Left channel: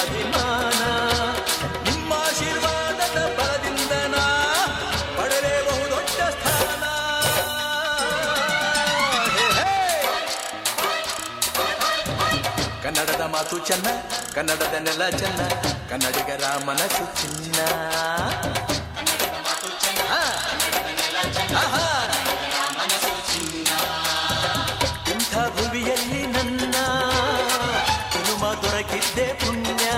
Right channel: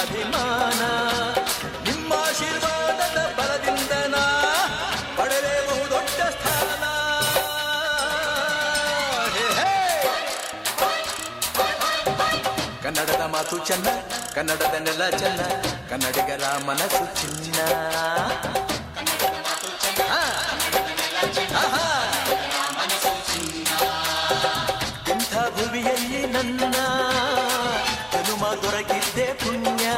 ಅಭಿಮಾನ. ನಿಮ್ಮ ಆಶೀರ್ವಾದದ ಬಲದಿಂದ ನಾ ಪಡೆದೇ ಬಹುದೊಡ್ಡ ಸ್ಥಾನ. ಕನ್ನಡದ ಮಾತು ಚೆನ್ನ, ಕನ್ನಡದ ನೆಲ ಚೆನ್ನ, ಕನ್ನಡಿಗರ ಮನಸ್ಸು ಚಿನ್ನ. ಇಂಥ ಭುವಿಯಲ್ಲಿ ನನ್ನ ಜನುಮ ದೊರಕಿದ್ದೆ ಪುಣ್ಯ.